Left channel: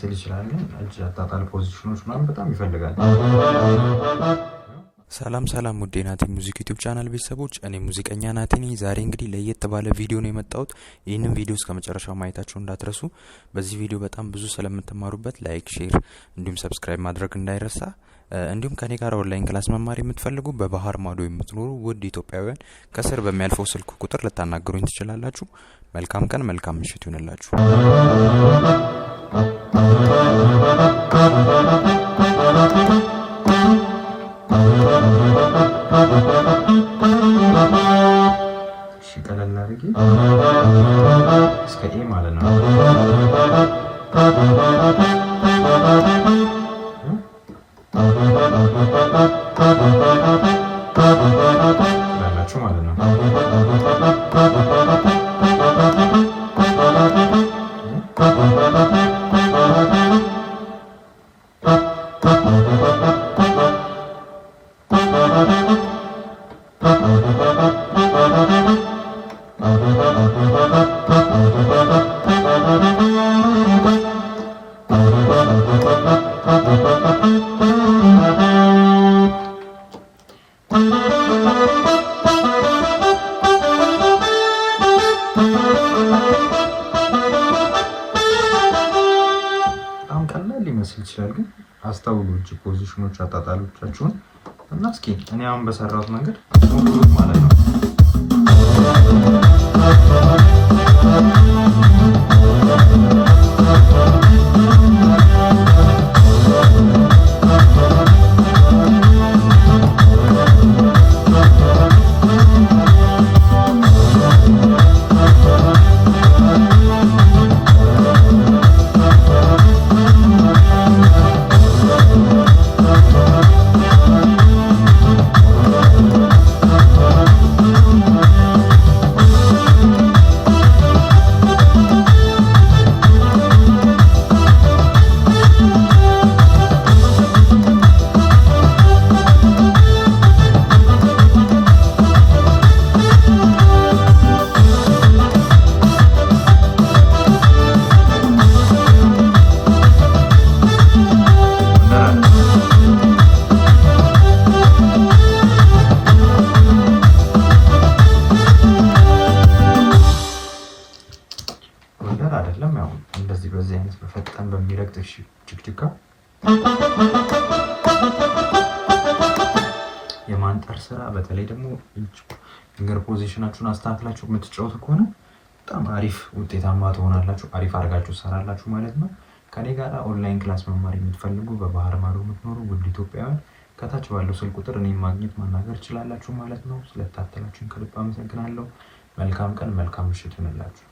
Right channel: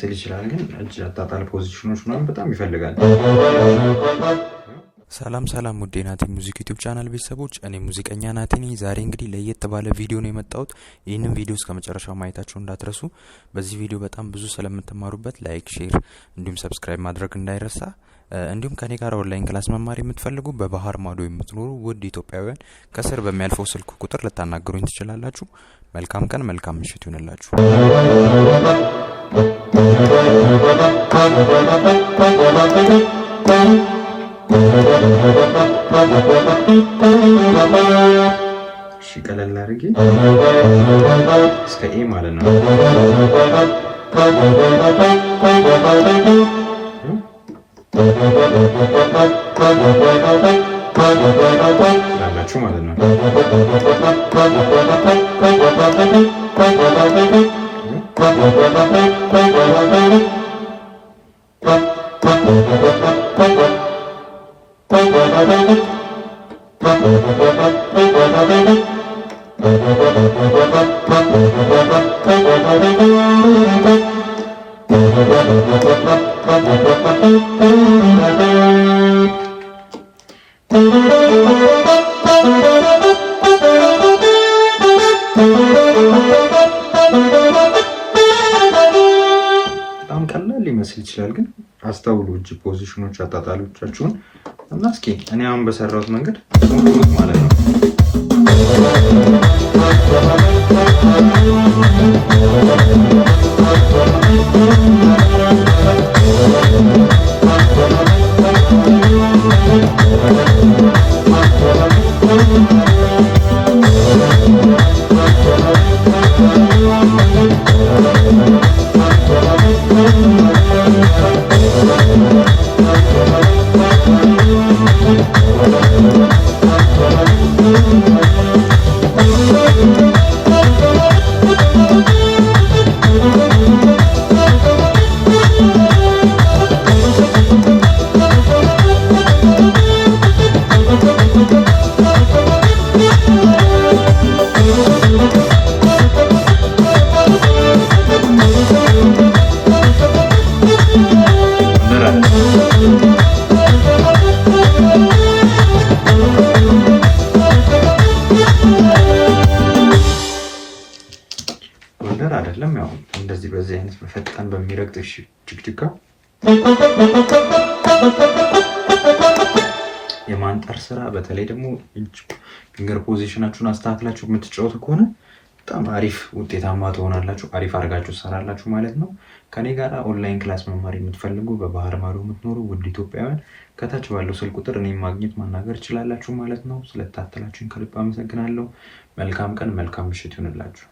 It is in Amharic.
ሊመስል ይችላል፣ ግን እጅ አጣጣል ፖዚሽኖች ምናምን በጣም ይፈልጋል። ሰላም ሰላም ውዴ ናቲ ሙዚክ ዩቲዩብ ቻናል ቤተሰቦች፣ እኔ ሙዚቀኛ ናቲ ነኝ። ዛሬ እንግዲህ ለየት ባለ ቪዲዮ ነው የመጣሁት። ይህንን ቪዲዮ እስከ መጨረሻው ማየታችሁ እንዳትረሱ። በዚህ ቪዲዮ በጣም ብዙ ስለምትማሩበት ላይክ፣ ሼር እንዲሁም ሰብስክራይብ ማድረግ እንዳይረሳ። እንዲሁም ከኔ ጋር ኦንላይን ክላስ መማር የምትፈልጉ በባህር ማዶ የምትኖሩ ውድ ኢትዮጵያውያን ከስር በሚያልፈው ስልክ ቁጥር ልታናገሩኝ ትችላላችሁ። መልካም ቀን፣ መልካም ምሽት ይሁንላችሁ። እሺ ቀለል አድርጌ እስከ ኤ ማለት ነው። ላላችሁ ማለት ነው። በጣም ቀላል ሊመስል ይችላል፣ ግን አስተውሉ እጅ ፖዚሽኖች አጣጣሎቻችሁን እና እስኪ እኔ አሁን በሰራሁት መንገድ ሞክሩት ማለት ነው። ወንደር አይደለም፣ ያው እንደዚህ በዚህ አይነት በፈጣን በሚረግጥ ጅግጅጋ የማንጠር ስራ፣ በተለይ ደግሞ ፊንገር ፖዚሽናችሁን አስተካክላችሁ የምትጫወቱ ከሆነ በጣም አሪፍ ውጤታማ ትሆናላችሁ። አሪፍ አድርጋችሁ ትሰራላችሁ ማለት ነው። ከኔ ጋር ኦንላይን ክላስ መማር የምትፈልጉ በባህር ማዶ የምትኖሩ ውድ ኢትዮጵያውያን ከታች ባለው ስልክ ቁጥር እኔን ማግኘት ማናገር ትችላላችሁ ማለት ነው። ስለተከታተላችሁኝ ከልብ አመሰግናለሁ። መልካም ቀን፣ መልካም ምሽት ይሁንላችሁ።